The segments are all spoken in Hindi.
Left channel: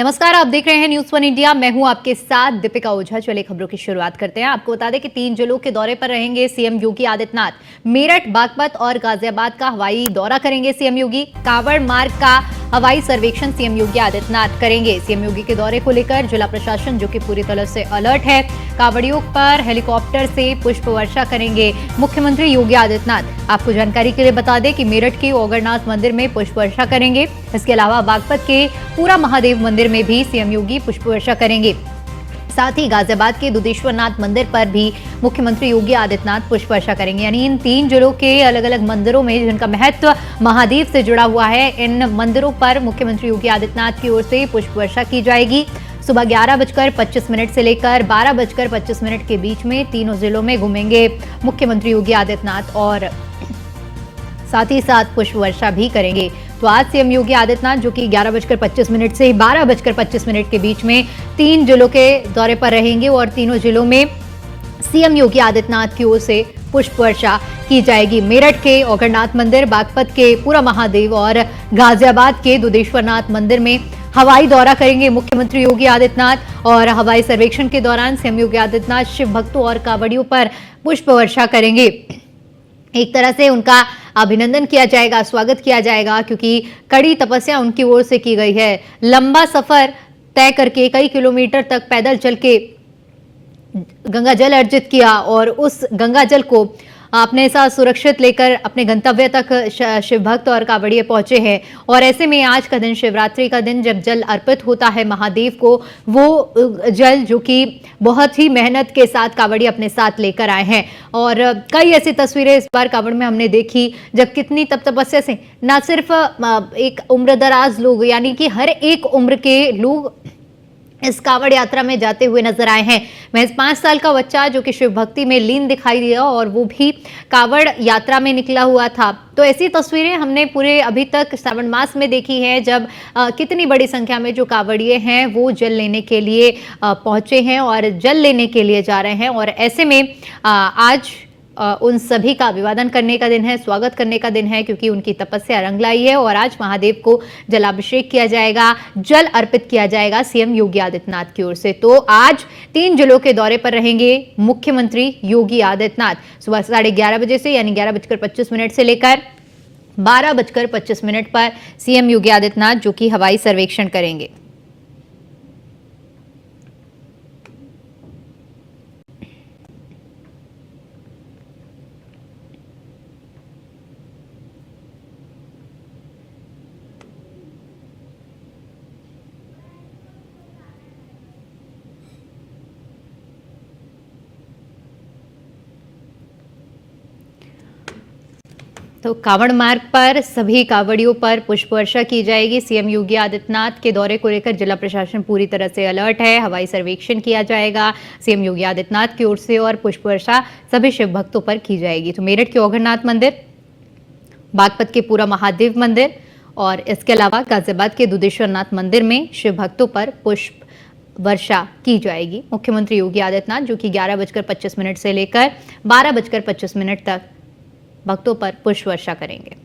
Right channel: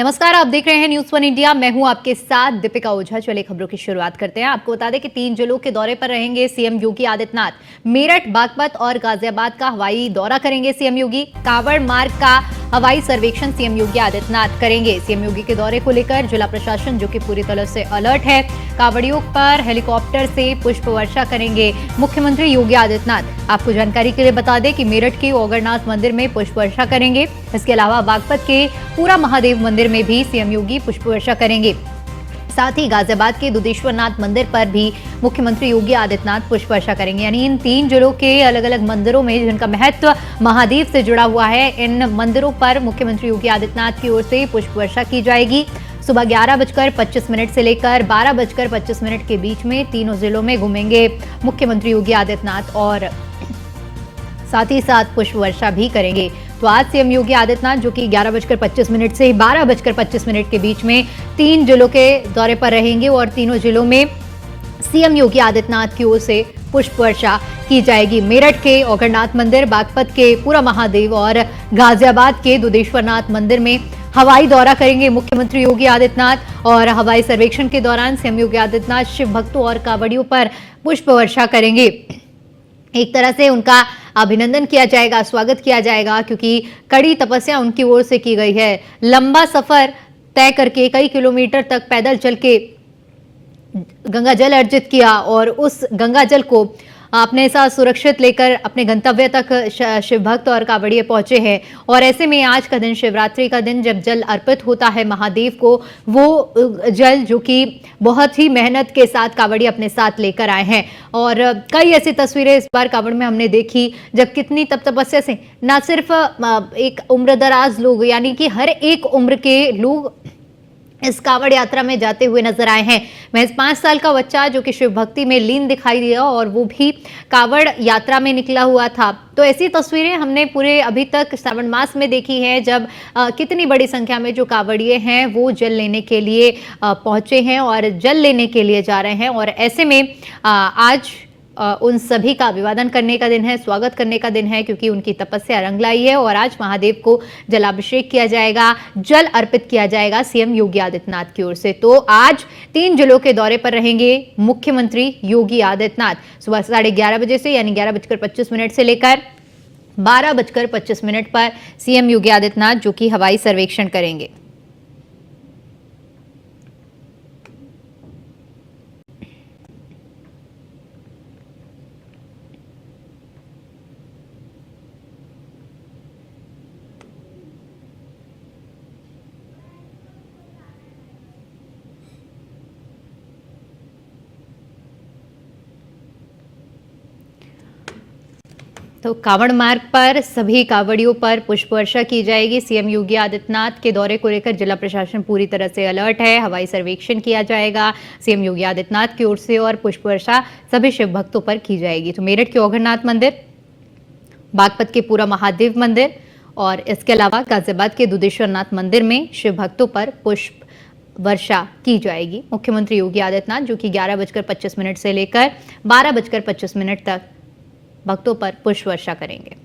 नमस्कार, आप देख रहे हैं न्यूज़ वन इंडिया। मैं हूं आपके साथ दीपिका ओझा। चलिए खबरों की शुरुआत करते हैं। आपको बता दें कि 3 जिलों के दौरे पर रहेंगे सीएम योगी आदित्यनाथ। मेरठ, बागपत और गाजियाबाद का हवाई दौरा करेंगे सीएम योगी। कांवड़ मार्ग का हवाई सर्वेक्षण सीएम योगी आदित्यनाथ करेंगे। सीएम योगी के दौरे को लेकर जिला प्रशासन जो कि पूरी तरह से अलर्ट है। कांवड़ियों पर हेलीकॉप्टर से पुष्प वर्षा करेंगे मुख्यमंत्री योगी आदित्यनाथ। आपको जानकारी के लिए बता दें कि मेरठ के ओगरनाथ मंदिर में पुष्प वर्षा करेंगे। इसके अलावा बागपत के पूरा महादेव मंदिर में भी सीएम योगी पुष्प वर्षा करेंगे। साथ ही गाजियाबाद के दुधेश्वरनाथ मंदिर पर भी मुख्यमंत्री योगी आदित्यनाथ पुष्प वर्षा करेंगे। यानी इन 3 जिलों के अलग अलग मंदिरों में जिनका महत्व महादेव से जुड़ा हुआ है, इन मंदिरों पर मुख्यमंत्री योगी आदित्यनाथ की ओर से पुष्प वर्षा की जाएगी। सुबह 11:25 से लेकर 12:25 के बीच में तीनों जिलों में घूमेंगे मुख्यमंत्री योगी आदित्यनाथ और साथ ही साथ पुष्प वर्षा भी करेंगे। तो आज सीएम योगी आदित्यनाथ जो कि 11:25 से 12:25 के बीच में 3 जिलों के दौरे पर रहेंगे और तीनों जिलों में सीएम योगी आदित्यनाथ की ओर से पुष्प वर्षा की जाएगी। मेरठ के ओगरनाथ मंदिर, बागपत के पूरा महादेव और गाजियाबाद के दुधेश्वरनाथ मंदिर में हवाई दौरा करेंगे मुख्यमंत्री योगी आदित्यनाथ और हवाई सर्वेक्षण के दौरान सीएम योगी आदित्यनाथ शिव भक्तों और कांवड़ियों पर पुष्प वर्षा करेंगे। एक तरह से उनका अभिनंदन किया जाएगा, स्वागत किया जाएगा, क्योंकि कड़ी तपस्या उनकी ओर से की गई है। लंबा सफर तय करके कई किलोमीटर तक पैदल चल के गंगा जल अर्जित किया और उस गंगा जल को अपने साथ सुरक्षित लेकर अपने गंतव्य तक शिव भक्त और कांवड़िए पहुंचे हैं। और ऐसे में आज का दिन, शिवरात्रि का दिन, जब जल अर्पित होता है महादेव को, वो जल जो कि बहुत ही मेहनत के साथ कांवड़िए अपने साथ लेकर आए हैं। और कई ऐसी तस्वीरें इस बार कांवड़ में हमने देखी जब कितनी तपस्या से न सिर्फ एक उम्रदराज लोग यानी कि हर एक उम्र के लोग इस कांवड़ यात्रा में जाते हुए नजर आए हैं। महज 5 साल का बच्चा जो कि शिव भक्ति में लीन दिखाई दिया और वो भी कांवड़ यात्रा में निकला हुआ था। तो ऐसी तस्वीरें हमने पूरे अभी तक श्रावण मास में देखी है, जब कितनी बड़ी संख्या में जो कांवड़िए हैं वो जल लेने के लिए पहुंचे हैं और जल लेने के लिए जा रहे हैं। और ऐसे में आज उन सभी का अभिवादन करने का दिन है, स्वागत करने का दिन है, क्योंकि उनकी तपस्या रंग लाई है और आज महादेव को जलाभिषेक किया जाएगा, जल अर्पित किया जाएगा सीएम योगी आदित्यनाथ की ओर से। तो आज 3 जिलों के दौरे पर रहेंगे मुख्यमंत्री योगी आदित्यनाथ। सुबह 11:30 बजे से यानी 11:25 से लेकर 12:25 पर सीएम योगी आदित्यनाथ जो कि हवाई सर्वेक्षण करेंगे। तो कांवड़ मार्ग पर सभी कांवड़ियों पर पुष्प वर्षा की जाएगी। सीएम योगी आदित्यनाथ के दौरे को लेकर जिला प्रशासन पूरी तरह से अलर्ट है। हवाई सर्वेक्षण किया जाएगा सीएम योगी आदित्यनाथ की ओर से और पुष्प वर्षा सभी शिव भक्तों पर की जाएगी। तो मेरठ के ओगरनाथ मंदिर, बागपत के पूरा महादेव मंदिर और इसके अलावा गाजियाबाद के दुधेश्वरनाथ मंदिर में शिव भक्तों पर पुष्प वर्षा की जाएगी। मुख्यमंत्री योगी आदित्यनाथ जो कि 11:25 से लेकर 12:25 तक भक्तों पर पुष्प वर्षा करेंगे।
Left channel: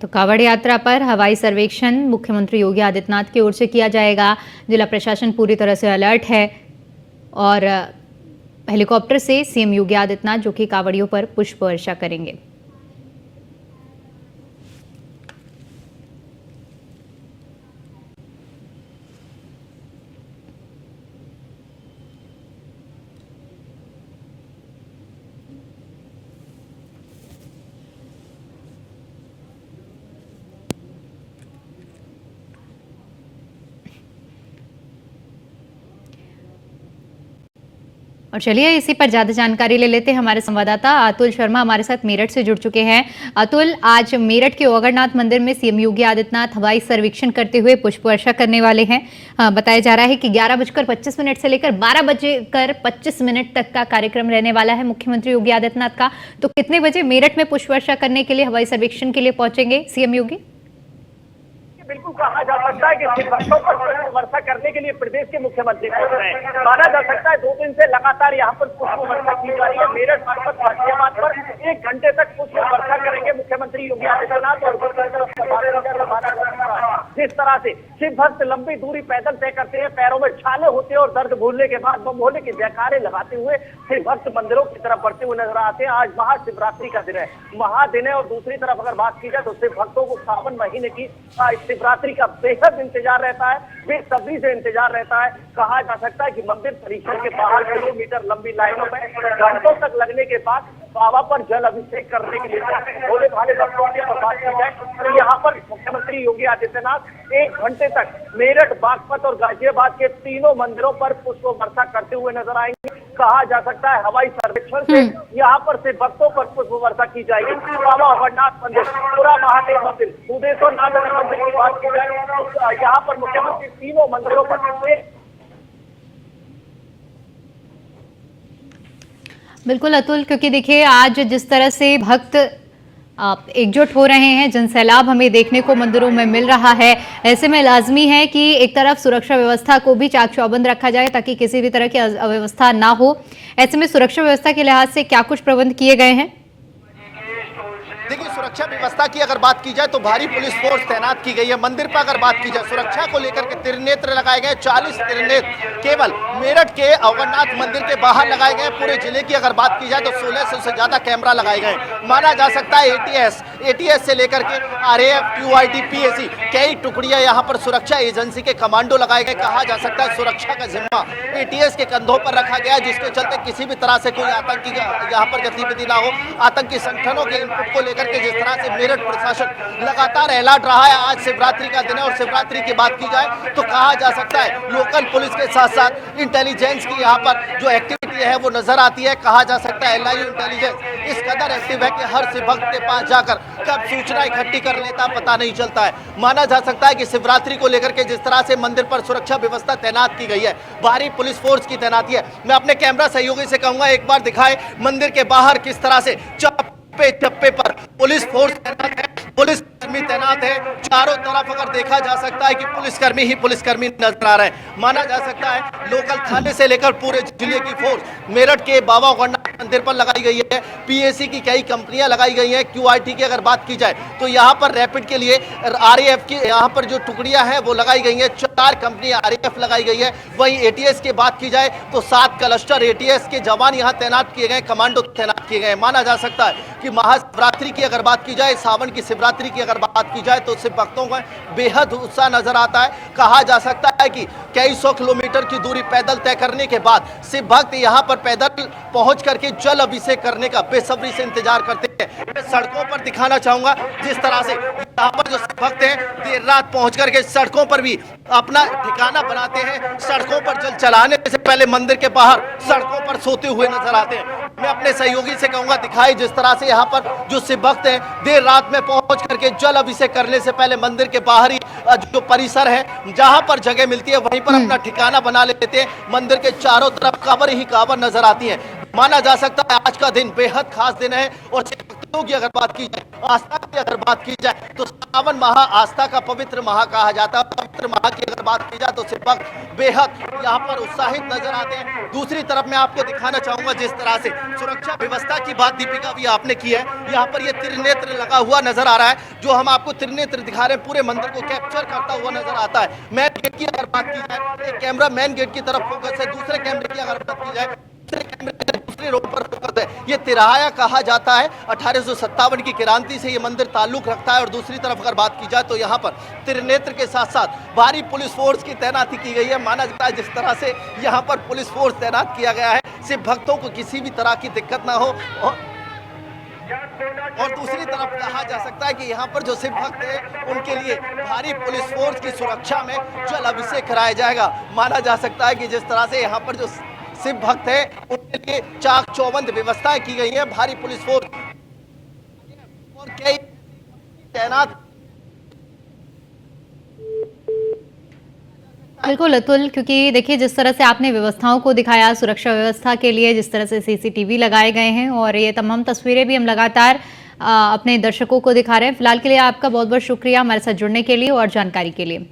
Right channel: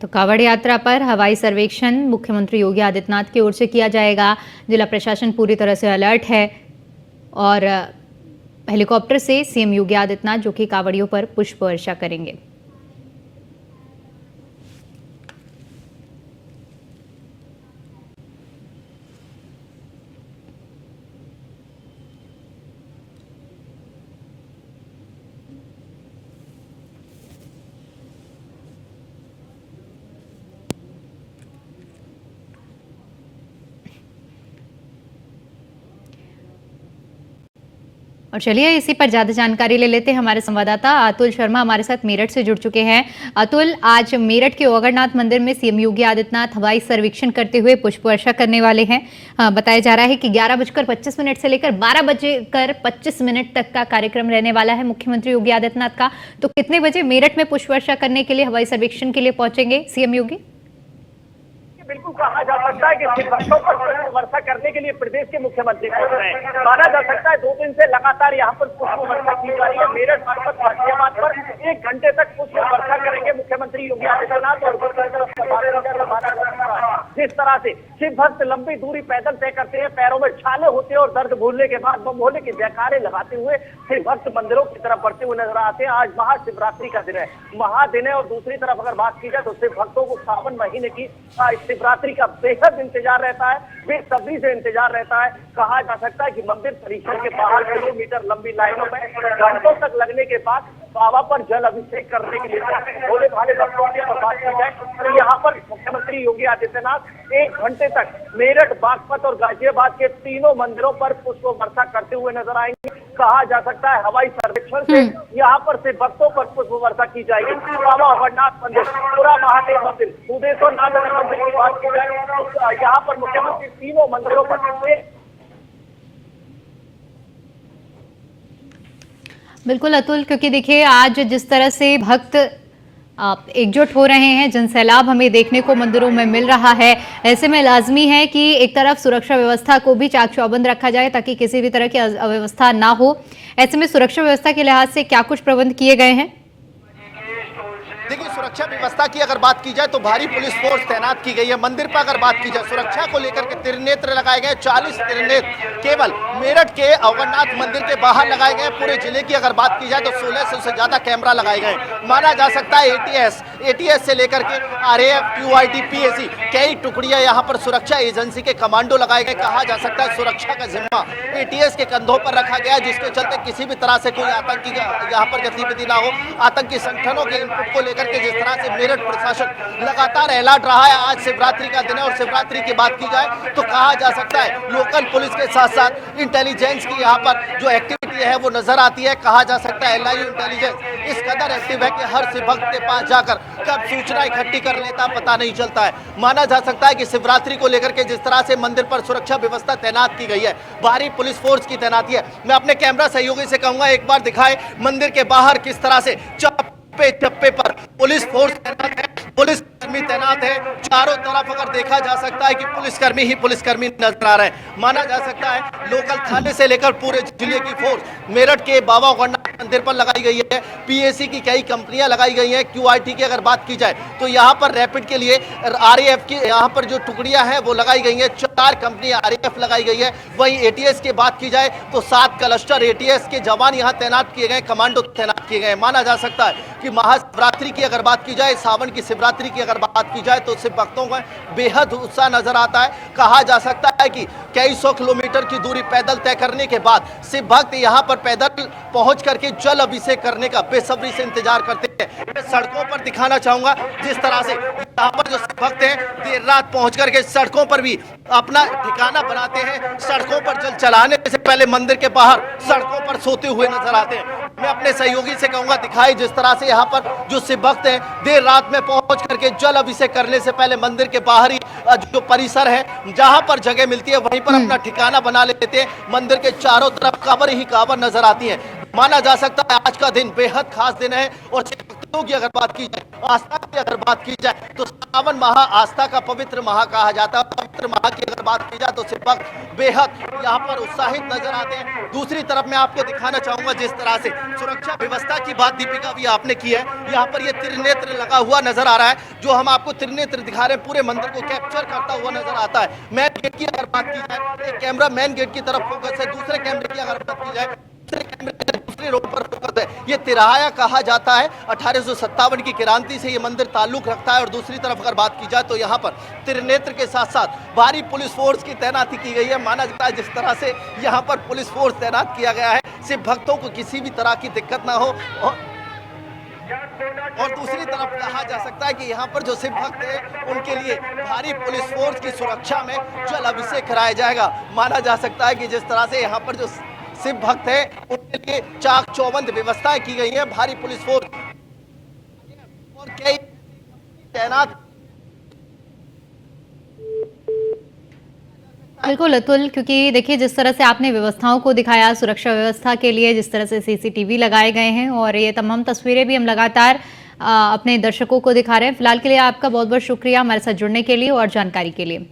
तो कांवड़ यात्रा पर हवाई सर्वेक्षण मुख्यमंत्री योगी आदित्यनाथ की ओर से किया जाएगा। जिला प्रशासन पूरी तरह से अलर्ट है और हेलीकॉप्टर से सीएम योगी आदित्यनाथ जो कि कांवड़ियों पर पुष्प वर्षा करेंगे। और चलिए इसी पर ज्यादा जानकारी ले लेते हैं। हमारे संवाददाता अतुल शर्मा हमारे साथ मेरठ से जुड़ चुके हैं। अतुल, आज मेरठ के ओगरनाथ मंदिर में सीएम योगी आदित्यनाथ हवाई सर्वेक्षण करते हुए पुष्प वर्षा करने वाले हैं। बताया जा रहा है कि 11:25 से लेकर 12:25 तक का कार्यक्रम रहने वाला है मुख्यमंत्री योगी आदित्यनाथ का। तो कितने बजे मेरठ में पुष्प वर्षा करने के लिए, हवाई सर्वेक्षण के लिए पहुंचेंगे सीएम योगी? बिल्कुल कहा जा सकता है कि शिवभक्तों पर पुष्प वर्षा करने के लिए प्रदेश के मुख्यमंत्री पहुंच रहे हैं। माना जा सकता है 2 दिन से लगातार यहाँ पर पुष्प वर्षा की जा रही है। मेरठ बागपत गाजियाबाद पर 1 घंटे तक पुष्प वर्षा करेंगे मुख्यमंत्री योगी आदित्यनाथ। और जिस तरह से शिव भक्त लंबी दूरी पैदल तय करते हैं, पैरों में छाले होते हैं और दर्द भूलने के बाद बम भोले के जयकारे लगाते हुए शिव भक्त मंदिरों की तरफ बढ़ते हुए नजर आते हैं। आज महाशिवरात्रि का दिन है, महादिन है। और दूसरी तरफ अगर बात की जाए तो शिव भक्तों को सावन महीने की शिवरात्रि का बेहद इंतजार रहता है, बेसब्री से इंतजार रहता है। कहा जा सकता है कि मंदिर परिसर के बाहर किलोमीटर लंबी लाइनों में घंटों तक लगने के बाद बाबा पर जल अभिषेक करने के लिए भोले भाले भक्तों की बात की जाए तो यहाँ पर मुख्यमंत्री योगी आदित्यनाथ 1 घंटे तक मेरठ, बागपत और गाजियाबाद के तीनों मंदिरों पर पुष्प वर्षा करते हुए नजर आएंगे। कहा जा सकता है हवाई सर्वेक्षण से यहाँ पर से भक्तों पर पुष्प वर्षा की जाएगी। बाबा अमरनाथ मंदिर, पूरा महादेव मंदिर, सुदेश्वर नाथ मंदिर की बात की जाए तो यहाँ पर मुख्यमंत्री तीनों मंदिरों पर बिल्कुल अतुल, क्योंकि देखिए आज जिस तरह से भक्त एकजुट हो रहे हैं, जनसैलाब हमें देखने को मंदिरों में मिल रहा है, ऐसे में लाजमी है कि एक तरफ सुरक्षा व्यवस्था को भी चाक चौबंद रखा जाए ताकि किसी भी तरह की अव्यवस्था ना हो। ऐसे में सुरक्षा व्यवस्था के लिहाज से क्या कुछ प्रबंध किए गए हैं? देखिए, सुरक्षा व्यवस्था की अगर बात की जाए तो भारी पुलिस फोर्स तैनात की गई है। मंदिर पर अगर बात की जाए सुरक्षा को लेकर के त्रिनेत्र लगाए गए, 40 त्रिनेत्र केवल मेरठ के अवगरनाथ मंदिर के बाहर लगाए गए। पूरे जिले की अगर बात की जाए तो 1600 से ज्यादा कैमरा लगाए गए। माना जा सकता है एटीएस से लेकर के आरएएफ, क्यूआईटी, पीएसी कई टुकड़ियां यहाँ पर सुरक्षा एजेंसी के कमांडो लगाए गए। कहा जा सकता है सुरक्षा का जिम्मा एटीएस के कंधों पर रखा गया, जिसके चलते किसी भी तरह से कोई आतंकी यहाँ पर गतिविधि ना हो। आतंकी संगठनों के इनपुट को लेकर के जिस तरह से मेरठ प्रशासन लगातार अलर्ट रहा है। आज शिवरात्रि का दिन है और शिवरात्रि की बात की जाए तो कहा जा सकता है लोकल पुलिस के साथ साथ इंटेलिजेंस की यहाँ पर जो एक्टिविटी है वो नजर आती है। कहा जा सकता है एलआईयू इंटेलिजेंस इस कदर एक्टिव है कि हर शिव भक्त के पास जाकर कब सूचना इकट्ठी कर लेता पता नहीं चलता है। माना जा सकता है कि शिवरात्रि को लेकर के जिस तरह से मंदिर पर सुरक्षा व्यवस्था तैनात की गई है, भारी पुलिस फोर्स की तैनाती है। मैं अपने कैमरा सहयोगी से कहूंगा एक बार दिखाए मंदिर के बाहर किस तरह से चप्पे पर पुलिस फोर्स तैनात है, पुलिसकर्मी तैनात है। चारों तरफ अगर देखा जा सकता है कि पुलिसकर्मी ही पुलिसकर्मी नजर आ रहे हैं। माना जा सकता है लोकल थाने से लेकर पूरे जिले की फोर्स मेरठ के बाबा अमरनाथ मंदिर पर लगाई गई है। पीएसी की कई कंपनियां लगाई गई हैं। क्यूआईटी की अगर बात की जाए तो यहाँ पर रैपिड के लिए आरएएफ की यहाँ पर जो टुकड़ियां हैं वो लगाई गई हैं। 4 कंपनी आरएएफ लगाई गई है। वहीं एटीएस की बात की जाए तो 7 क्लस्टर एटीएस के जवान यहाँ तैनात किए गए, कमांडो तैनात किए गए। माना जा सकता है कि महाशिवरात्रि की अगर बात की जाए, सावन की शिवरात्रि की अगर बात की जाए तो शिव भक्तों का बेहद उत्साह नजर आता है। कहा जा सकता है कि कई 100 किलोमीटर की दूरी पैदल तय करने के बाद शिव भक्त यहाँ पर पैदल पहुंच करके जल अभिषेक करने का बेसब्री से इंतजार करते हैं। मैं सड़कों पर दिखाना चाहूंगा जिस तरह से यहाँ पर जो शिव भक्त हैं देर रात पहुंच करके सड़कों पर भी अपना ठिकाना बनाते हैं। सड़कों पर जल चलाने से पहले मंदिर के बाहर सड़कों पर सोते हुए नजर आते हैं। मैं अपने सहयोगी से कहूंगा दिखाई जिस तरह से यहाँ पर जो शिव भक्त हैं देर रात में पहुंच करके जल अभिषेक करने से पहले मंदिर के बाहर ही जो परिसर है जहां पर जगह मिलती है वहीं पर अपना ठिकाना बना लेते हैं। मंदिर के चारों तरफ कांवर ही कांवर नजर आती है। माना जा सकता है आज का दिन बेहद खास दिन है। और शिव भक्तों की अगर बात की जाए, आस्था की अगर बात की जाए तो सावन माह आस्था का पवित्र माह कहा जाता है। पवित्र माह की अगर बात की जाए तो शिव भक्त बेहद यहाँ पर उत्साहित नजर आते हैं। दूसरी तरफ मैं आपको दिखाना चाहूंगा जिस तरह से सुरक्षा व्यवस्था की बात दीपिका भी आपने की है। यहाँ पर ये त्रिनेत्र लगा हुआ नजर आ रहा है। जो हम आपको त्रिनेत्र दिखा रहे हैं पूरे मंदिर को कैप्चर करता हुआ नजर आता है। मेन गेट की अगर बात की जाए, एक कैमरा मेन गेट की तरफ फोकस है, दूसरे कैमरे की अगर बात की जाए दूसरे रोड पर फोकस है। ये तिराया कहा जाता है। 1857 की क्रांति से ये मंदिर ताल्लुक रखता है। और दूसरी तरफ अगर बात की जाए तो यहाँ पर त्रिनेत्र के साथ साथ भारी पुलिस फोर्स की तैनाती की गई है। माना जाता है जिस तरह से यहाँ पर पुलिस फोर्स तैनात किया गया है सिर्फ भक्तों को किसी भी तरह की दिक्कत ना हो। और दूसरी तरफ कहा जा सकता है कि यहाँ पर जो शिव भक्त हैं उनके लिए भारी पुलिस फोर्स की सुरक्षा में जल अभिषेक कराया जाएगा। माना जा सकता है कि जिस तरह से यहाँ पर जो शिव भक्त है उनके लिए चाक चौबंद व्यवस्थाएं की गई है, भारी पुलिस फोर्स और कई तैनात। बिल्कुल अतुल, क्योंकि देखिए जिस तरह से आपने व्यवस्थाओं को दिखाया सुरक्षा व्यवस्था के लिए, जिस तरह से सीसीटीवी लगाए गए हैं और ये तमाम तस्वीरें भी हम लगातार अपने दर्शकों को दिखा रहे हैं। फिलहाल के लिए आपका बहुत बहुत शुक्रिया हमारे साथ जुड़ने के लिए और जानकारी के लिए।